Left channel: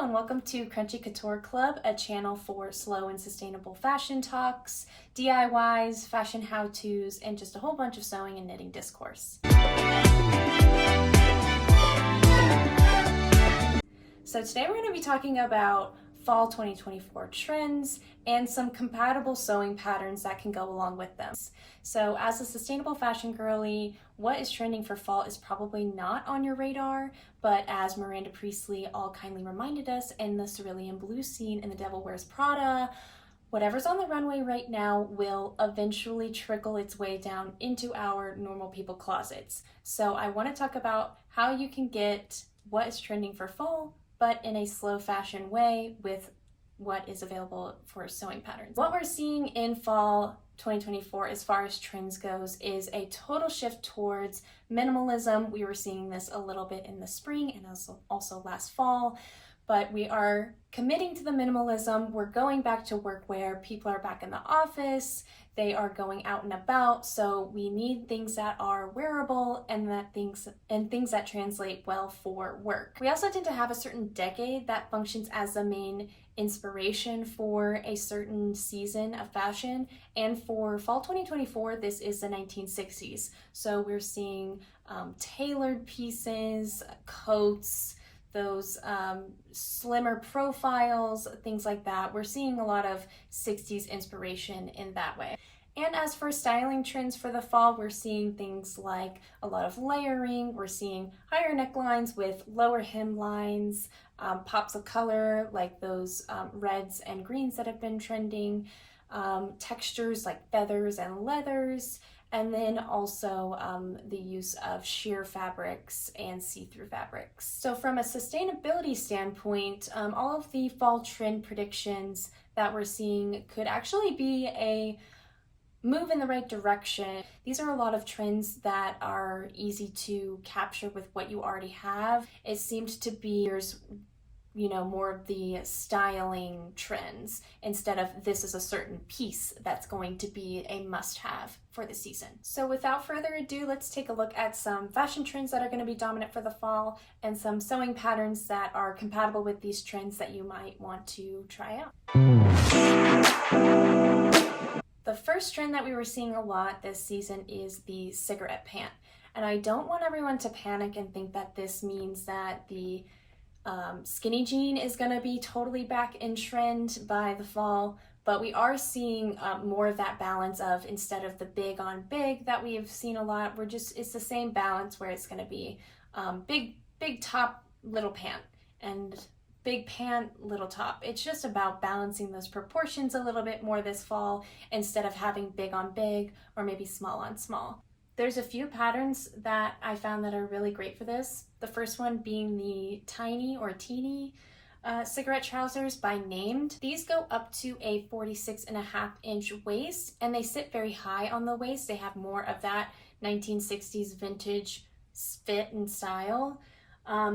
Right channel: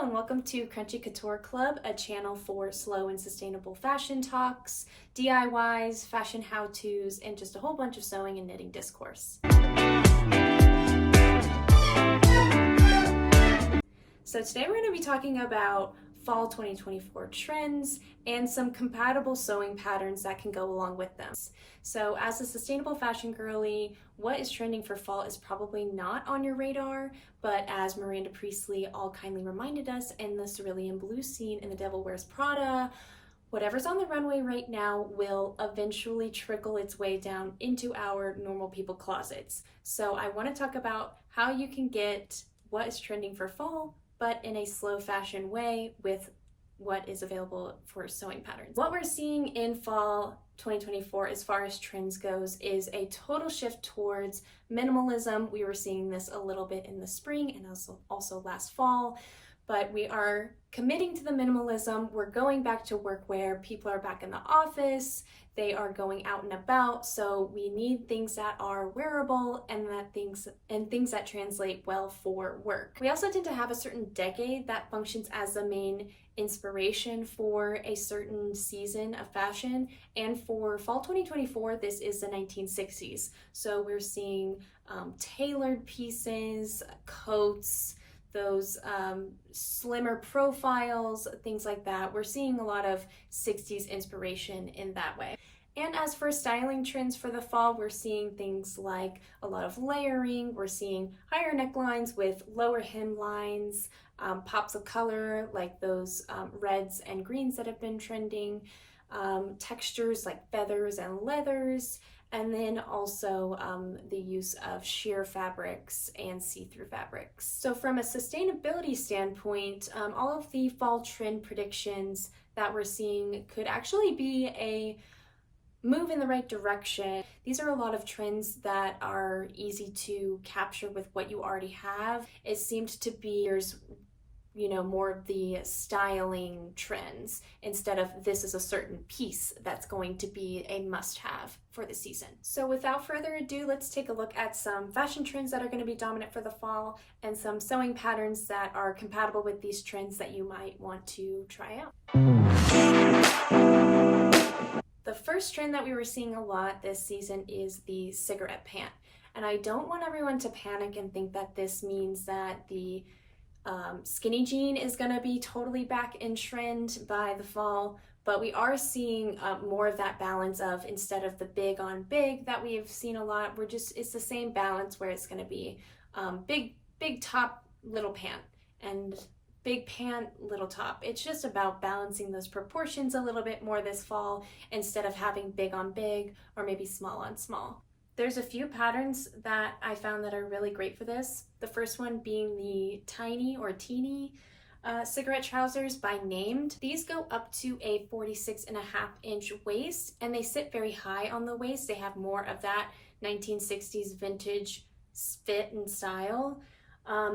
Hello and welcome to Crunchy Couture Club, a channel for slow and sustainable fashion talks, DIYs, fashion how-tos, and just a whole bunch of sewing and knitting discourse. So today we're going to be talking about fall 2024 trends and some compatible sewing patterns that can go along with them. So as a sustainable fashion girly, what is trending for fall is probably not on your radar, but as Miranda Priestley all kindly reminded us in the Cerulean Blue scene in The Devil Wears Prada, whatever's on the runway right now will eventually trickle its way down into our normal people closets. So I want to talk about how you can get what is trending for fall, but in a slow fashion way with what is available for sewing patterns. What we're seeing in fall 2024 as far as trends goes is a total shift towards minimalism. We were seeing this a little bit in the spring and also last fall, but we are committing to the minimalism. We're going back to workwear. People are back in the office. They are going out and about, so we need things that are wearable and things that translate well for work. We also tend to have a certain decade that functions as the main inspiration for a certain season of fashion, and for fall 2024 this is the 1960s. So we're seeing tailored pieces, coats, those slimmer profiles, things like that. We're seeing a lot of 60s inspiration in that way. And as for styling trends for the fall, we're seeing things like a lot of layering. We're seeing higher necklines with lower hemlines, pops of color like those reds and greens that have been trending, textures like feathers and leathers, and then also the use of sheer fabrics and see-through fabrics. So from a sustainability standpoint, all of the fall trend predictions that we're seeing could actually be a move in the right direction. These are a lot of trends that are easy to capture with what you already have. It seemed to be more of the styling trends instead of this is a certain piece that's going to be a must-have for the season. So without further ado, let's take a look at some fashion trends that are going to be dominant for the fall and some sewing patterns that are compatible with these trends that you might want to try out. The first trend that we were seeing a lot this season is the cigarette pant. And I don't want everyone to panic and think that this means that the skinny jean is going to be totally back in trend by the fall, but we are seeing more of that balance of, instead of the big on big that we have seen a lot, it's the same balance where it's going to be big top, little pant, and big pant, little top. It's just about balancing those proportions a little bit more this fall instead of having big on big or maybe small on small. There's a few patterns that I found that are really great for this. The first one being the tiny or teeny cigarette trousers by Named. These go up to a 46.5-inch waist and they sit very high on the waist. They have more of that 1960s vintage fit and style.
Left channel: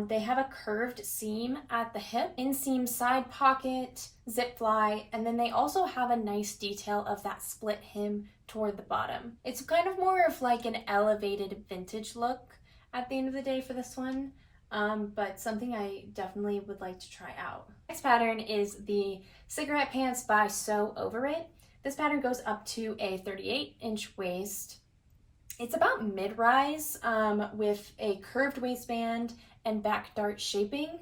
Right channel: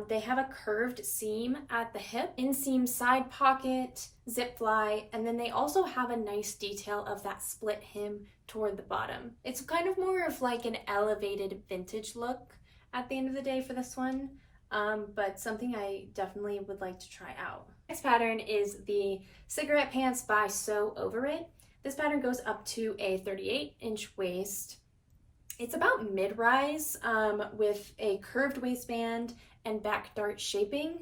They have a curved seam at the hip, inseam side pocket, zip fly, and then they also have a nice detail of that split hem toward the bottom. It's kind of more of like an elevated vintage look at the end of the day for this one, but something I definitely would like to try out. Next pattern is the cigarette pants by Sew Over It. This pattern goes up to a 38-inch waist. It's about mid-rise with a curved waistband and back dart shaping.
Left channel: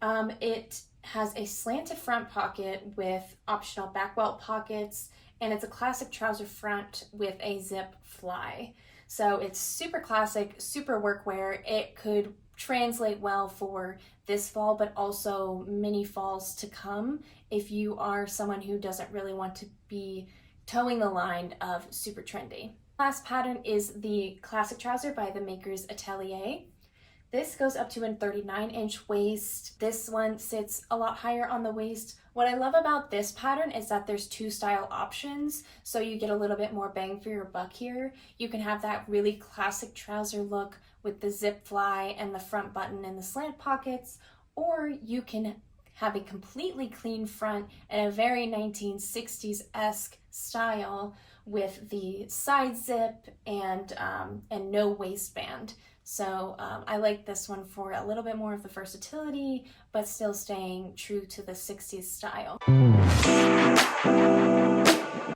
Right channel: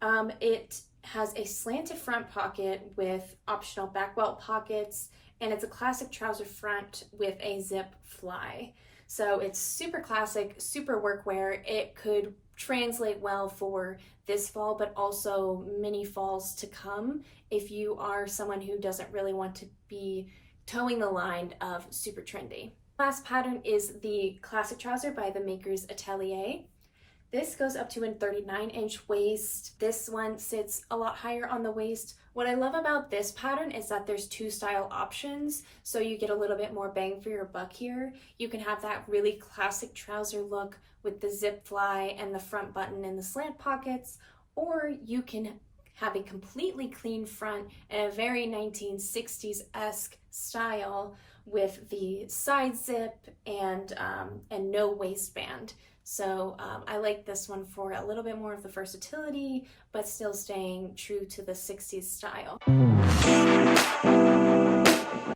It has a slanted front pocket with optional back welt pockets, and it's a classic trouser front with a zip fly. So it's super classic, super workwear. It could translate well for this fall, but also many falls to come if you are someone who doesn't really want to be towing the line of super trendy. Last pattern is the classic trouser by the Maker's Atelier. This goes up to a 39-inch waist. This one sits a lot higher on the waist. What I love about this pattern is that there's two style options, so you get a little bit more bang for your buck here. You can have that really classic trouser look with the zip fly and the front button and the slant pockets, or you can have a completely clean front and a very 1960s-esque style with the side zip and no waistband. So I like this one for a little bit more of the versatility, but still staying true to the 60s style.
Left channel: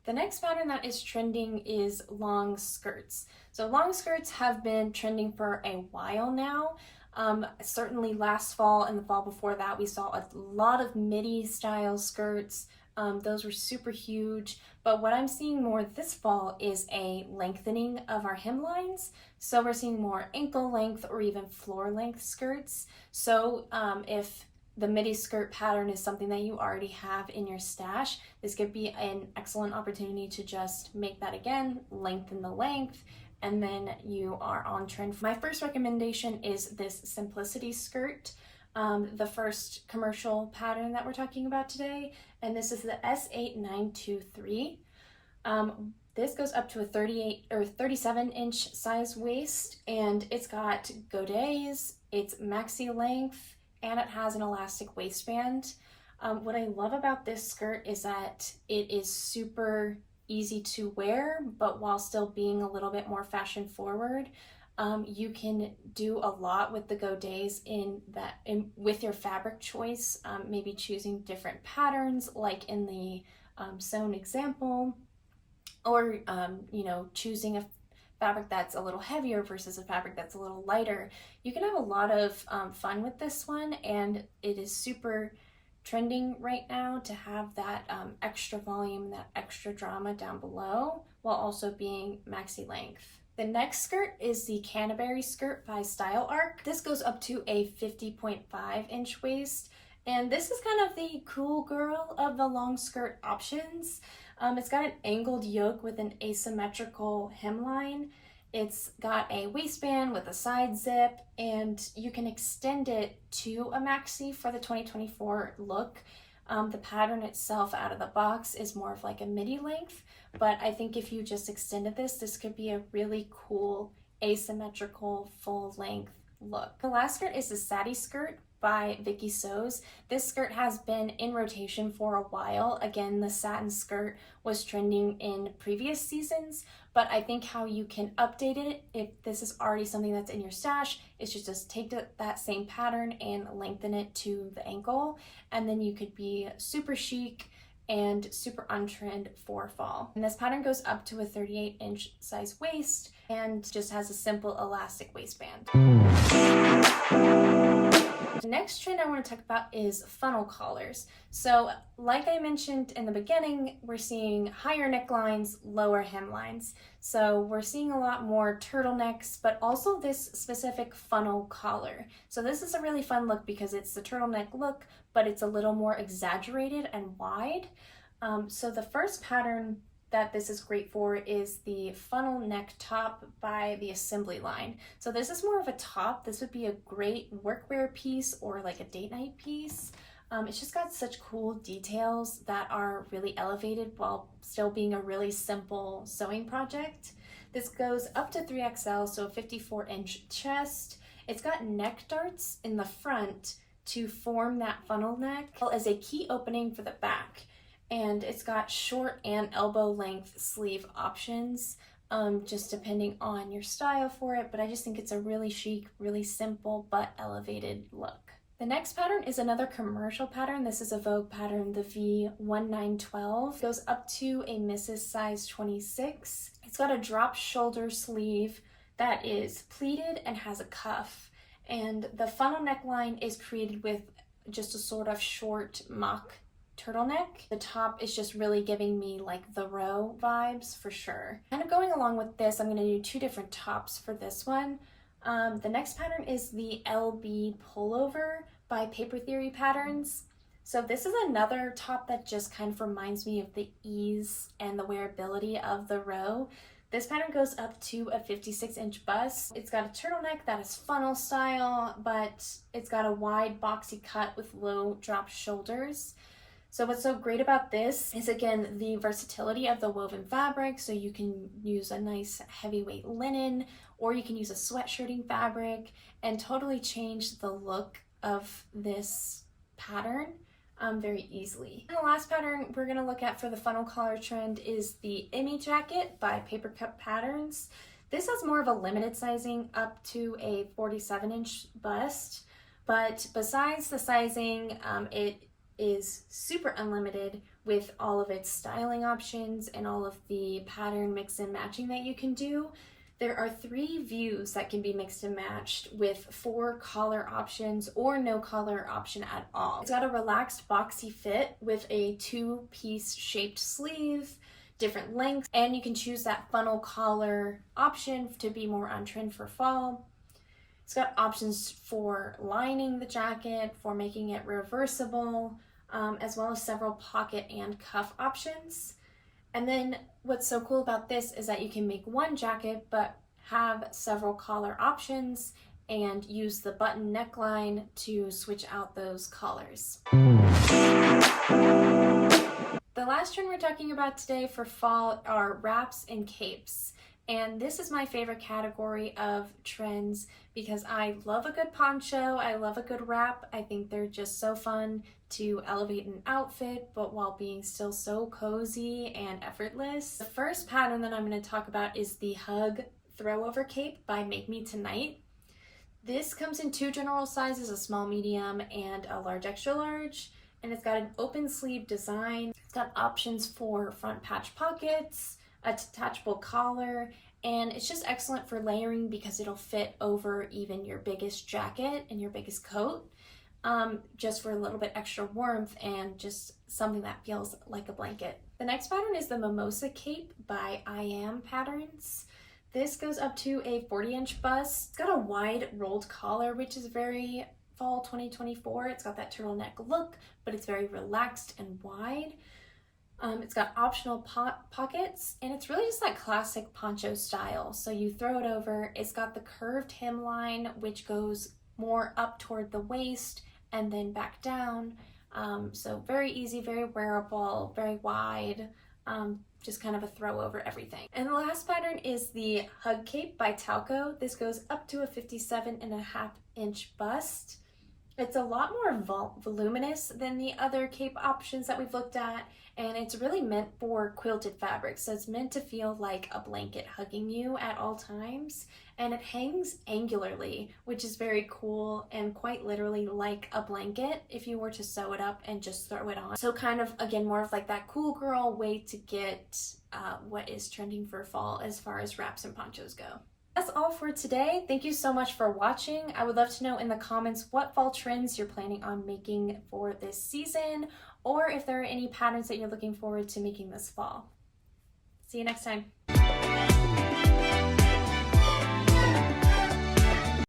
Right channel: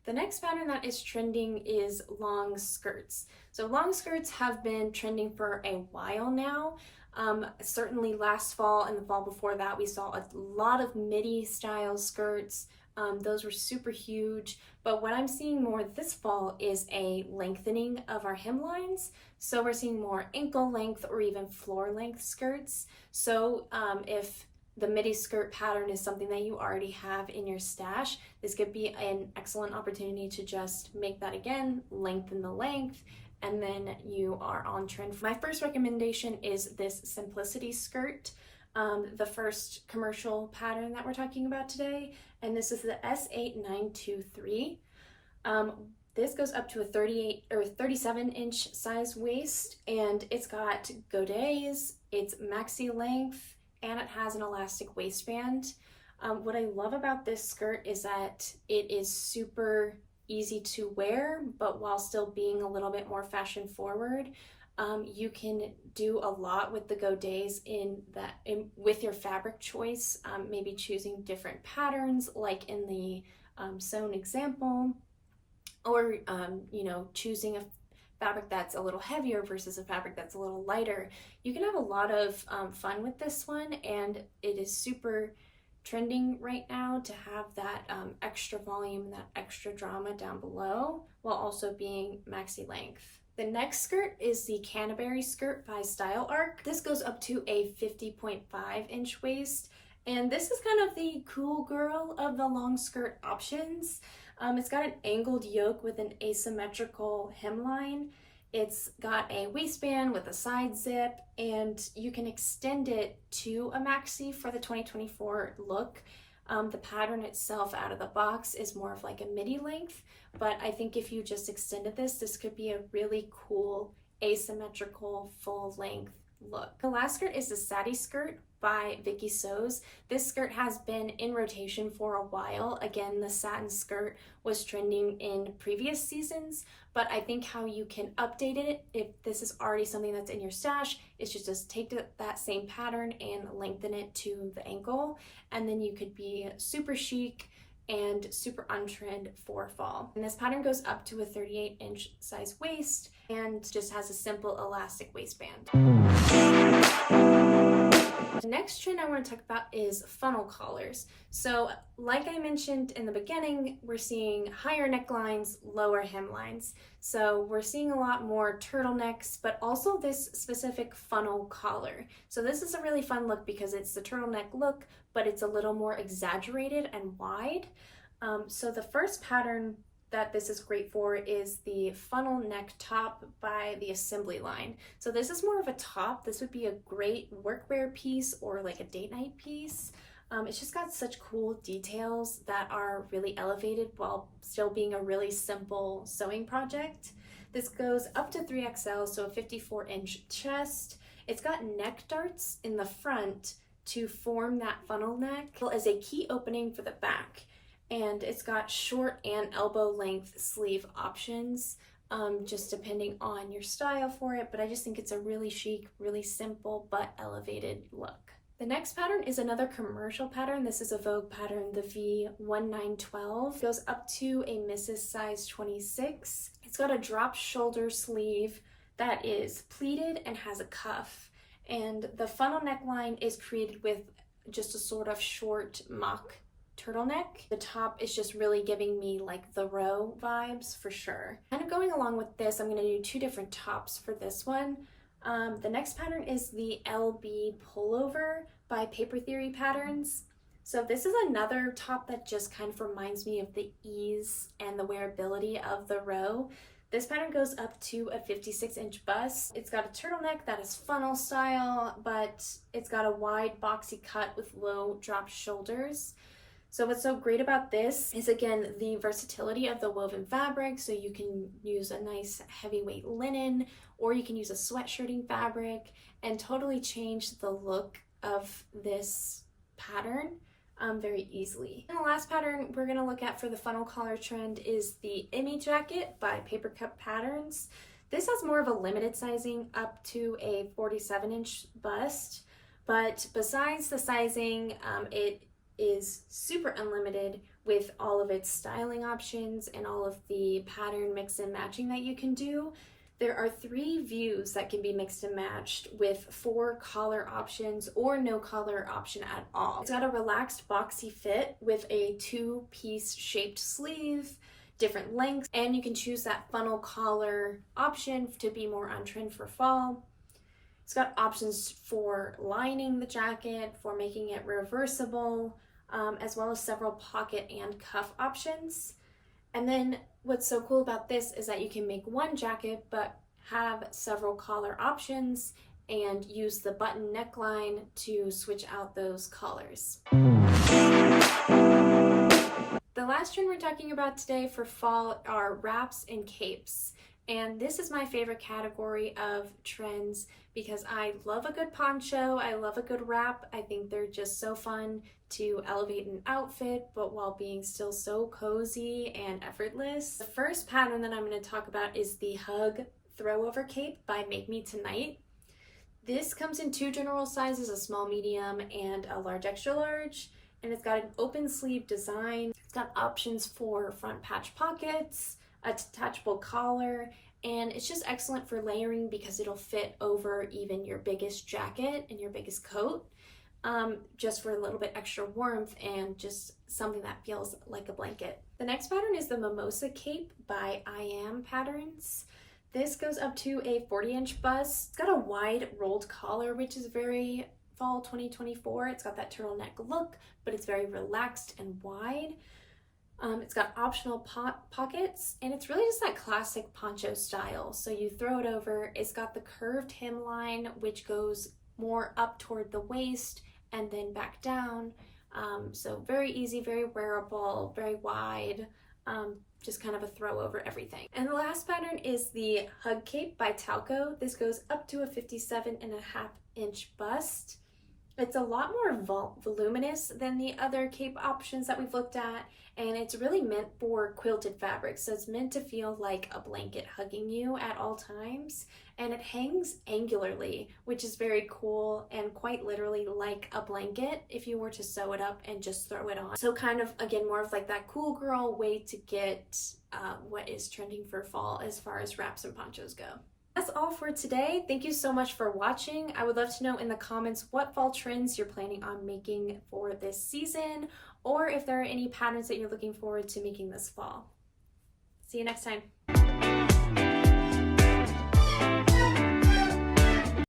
The next pattern that is trending is long skirts. So long skirts have been trending for a while now. Certainly last fall and the fall before that, we saw a lot of midi style skirts. Those were super huge, but what I'm seeing more this fall is a lengthening of our hemlines. So we're seeing more ankle length or even floor length skirts. So if the midi skirt pattern is something that you already have in your stash, this could be an excellent opportunity to just make that again, lengthen the length, and then you are on trend. My first recommendation is this simplicity skirt, the first commercial pattern that we're talking about today, and this is the S8923. This goes up to a 38 or 37 inch size waist, and it's got godets, it's maxi length, and it has an elastic waistband. What I love about this skirt is that it is super easy to wear, but while still being a little bit more fashion forward. You can do a lot with the godets with your fabric choice, maybe choosing different patterns like in the sewn example, or choosing a fabric that's a little heavier versus a fabric that's a little lighter. You can have a lot of fun with this one, and it is super trending right now to have that extra volume, that extra drama down below, while also being maxi length. The next skirt is the Canterbury skirt by Style Arc. This goes up to a 50.5 inch waist, and this is kind of the cool girl of the long skirt options. It's got an angled yoke with an asymmetrical hemline. It's got a waistband with a side zip, and you can extend it to a maxi for the 2024 look. The pattern itself out of the box is more of like a midi length, but I think if you just extended this could be a really cool asymmetrical full length look. The last skirt is the Sadie skirt by Vicky Sews. This skirt has been in rotation for a while. Again, the satin skirt was trending in previous seasons, but I think how you can update it, if this is already something that's in your stash, is just take that same pattern and lengthen it to the ankle, and then you could be super chic and super on trend for fall. And this pattern goes up to a 38 inch size waist and just has a simple elastic waistband. The next trend I want to talk about is funnel collars. So like I mentioned in the beginning, we're seeing higher necklines, lower hemlines. So we're seeing a lot more turtlenecks, but also this specific funnel collar. So this is a really fun look because it's the turtleneck look, but it's a little more exaggerated and wide. So the first pattern that this is great for is the funnel neck top by the Assembly line. So this is more of a top. This would be a great workwear piece or like a date night piece. It's just got such cool details that are really elevated while still being a really simple sewing project. This goes up to 3XL, so a 54 inch chest. It's got neck darts in the front to form that funnel neck as a key opening for the back. And it's got short and elbow length sleeve options, just depending on your style for it. But I just think it's a really chic, really simple, but elevated look. The next pattern is another commercial pattern. This is a Vogue pattern, the V1912. It goes up to a Mrs. size 26. It's got a drop shoulder sleeve that is pleated and has a cuff. And the funnel neckline is created with just a sort of short mock turtleneck. The top is just really giving me like the row vibes for sure. Kind of going along with this, I'm going to do two different tops for this one. The next pattern is the LB pullover by Paper Theory Patterns. So this is another top that just kind of reminds me of the ease and the wearability of the row. This pattern goes up to a 56 inch bust. It's got a turtleneck that is funnel style, but it's got a wide boxy cut with low drop shoulders. So what's so great about this is, again, the versatility of the woven fabric. So you can use a nice heavyweight linen, or you can use a sweatshirting fabric and totally change the look of this pattern very easily. And the last pattern we're gonna look at for the funnel collar trend is the Emmy jacket by Paper Cup Patterns. This has more of a limited sizing up to a 47-inch bust, but besides the sizing, it is super unlimited with all of its styling options and all of the pattern mix and matching that you can do. There are 3 views that can be mixed and matched with 4 collar options or no collar option at all. It's got a relaxed boxy fit with a 2-piece shaped sleeve, different lengths, and you can choose that funnel collar option to be more on trend for fall. It's got options for lining the jacket, for making it reversible, as well as several pocket and cuff options. And then what's so cool about this is that you can make one jacket but have several collar options and use the button neckline to switch out those colors. The last trend we're talking about today for fall are wraps and capes. And this is my favorite category of trends because I love a good poncho, I love a good wrap. I think they're just so fun to elevate an outfit, but while being still so cozy and effortless. The first pattern that I'm going to talk about is the Hug Throwover Cape by Make Me Tonight. This comes in 2 general sizes, a small medium and a large extra large, and it's got an open sleeve design. It's got options for front patch pockets, a detachable collar, and it's just excellent for layering because it'll fit over even your biggest jacket and your biggest coat, just for a little bit extra warmth and just something that feels like a blanket. The next pattern is the Mimosa Cape by I Am Patterns. This goes up to a 40-inch bust. It's got a wide rolled collar, which is very fall 2024. It's got that turtleneck look, but it's very relaxed and wide. It's got optional pockets, and it's really just that classic poncho style. So you throw it over. It's got the curved hemline, which goes more up toward the waist and then back down. So very easy, very wearable, very wide, just kind of a throw over everything. And the last pattern is the Hug Cape by Talco. This goes up to a 57.5-inch bust. It's a lot more voluminous than the other cape options that we've looked at, and it's really meant for quilted fabric. So it's meant to feel like a blanket hugging you at all times, and it hangs angularly, which is very cool and quite literally like a blanket if you were to sew it up and just throw it on. So kind of, again, more of like that cool girl way to get what is trending for fall as far as wraps and ponchos go. That's all for today. Thank you so much for watching. I would love to know in the comments what fall trends you're planning on making for this season, or if there are any patterns that you're looking forward to making this fall. See you next time.